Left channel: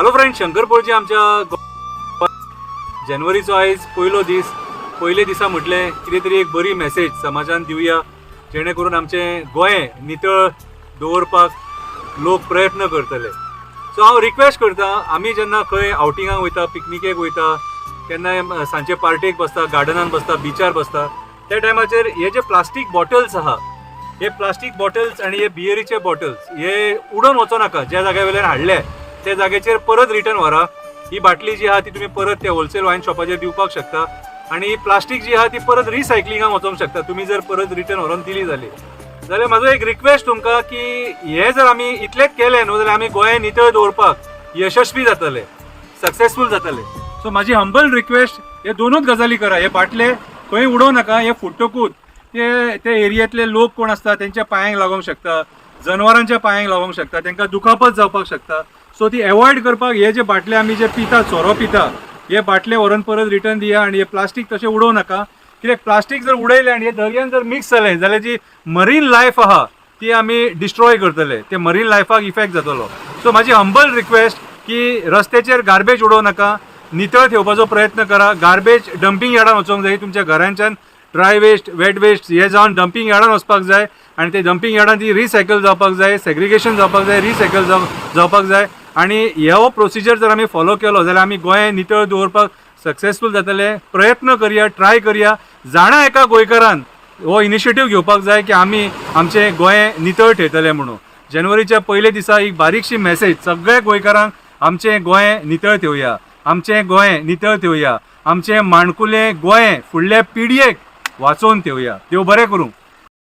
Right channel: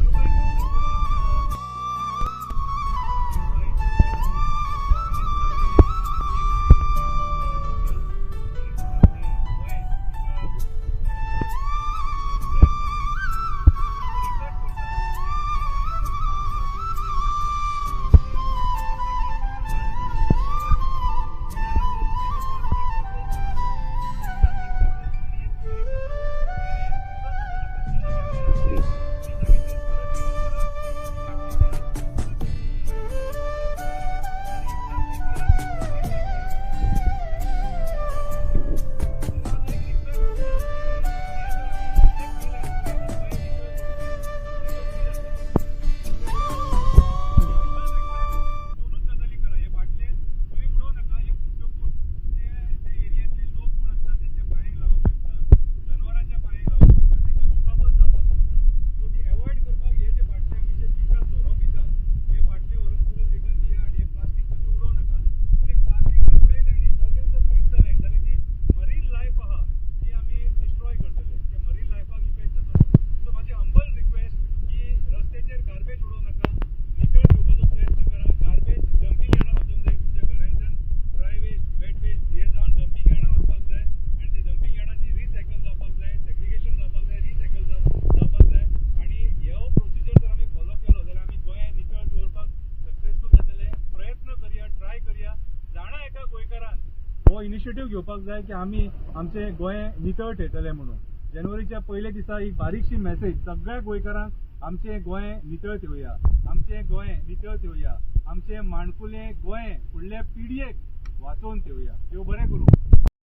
Hello friend, शंकरपोळची आमच्या जानेवारीचो आयज पयले दिसा म्हटले कितें तरी एक बरी मेसेज समाजान दिवया, जेणे करून आमचे गोंय नितळ दवरपाक लोक प्रयत्न करतले. सो हांव रिक्वेस्ट करता, आमी जेन्ना खंय आउटिंगाक वयता, पिकनिकेक वयता, केन्ना सांजे पार्टेक बसता, गार्डनान बसता, बिचार बसता, त्या टायमाचेर हे जे प्लास्टीक बॉटल्स आहा, हे प्लास्टीक बॉटल्स आणि हे बियरीचे बॉटल्स हे उडोवन वचो नाका. ज्या जाग्या वयल्यान हाडले त्या जाग्याचेर परत रिटर्न व्हरा. ही बाटली जी आहा ती तुम्ही परत त्या होलसेल वायन शॉपाचेर दिवपाक शकता आणि प्लास्टीक जी आहा ती परत रिसायकलिंगाक वचोंक शकता. तुम्ही जर परत रिटर्न व्हरून दिली जाल्यार म्हाजो एक रिक्वेस्ट तुमकां की हे जर आमी इतलेच केले न्हू जाल्यार आमी गोंय नितळ दवरपाक यशस्वी जातले, सक्सेसफूल जातले. सो म्हाजी हंबल रिक्वेस्ट, हे दोनूच गजाली करा. हे बाटले खंय उडोव नाका. हे फुट्टकूच ते एरियांतले लोक कोण असता त्यांच्या पांयांक लागोंक शकता, जनावरांच्या पांयांक लागोंक शकता, तांकां दुखापत जावपाक शकता. सो ती एवॉयड करपाक हे जे बाटले आमी जे पिता, सोरो पिता, हे बाटले व्हरून परत रिटर्न दिया आणि हे प्लास्टीक तशें उडोव नाका. कित्याक प्लास्टीक जर उडयलें आनी हे दर्यान जर मिक्स जालें जाल्यार जी मरीन लायफ आहा ती आमी डिस्ट्रॉय करतले. ते मरीन लायफाक इफेक्ट जातलो. सो म्हाजी हंबल रिक्वेस्ट की रस्त्याचेर गार्बेज उडोव नाका, नितळ ठेवपाचो प्रयत्न करा. गार्बेज डंपिंग यार्डान वचोंक जाय. तुमच्या घरांच्यान ड्राय वेस्ट, वेट वेस्ट हे जावन डंपिंग यार्डान वचपाक जाय आणि ते डंपिंग यार्डान ती रिसायकल जावपाक जाय, सेग्रिगेशन जावपाक जाय, रिसायकल जावपाक जाय. आणि ह्यो प्रोसिजर जर आमी फॉलो केलो जाल्यार आमी गोंय नितळ दवरपाक सक्सेसफूल जातले. प्रयत्न करया, ट्राय करया. जाणा एका गोंयकारान हो इनिशिएटीव घेवपाक जाय की आमी आमचें गोंय नितळ ठेवतले म्हणून. जानेवारीच्या पयले दिसा एक बारीकशी मेसेज सगळ्या गोंयकारांक, आमचें गोंय नितळ ठेवया, आमचें गोंय नितळ ठेवया, आमचें माणकुलें गोंय फुडल्या पिडयेक वाचोवन ठेवया. देव बरें करूं.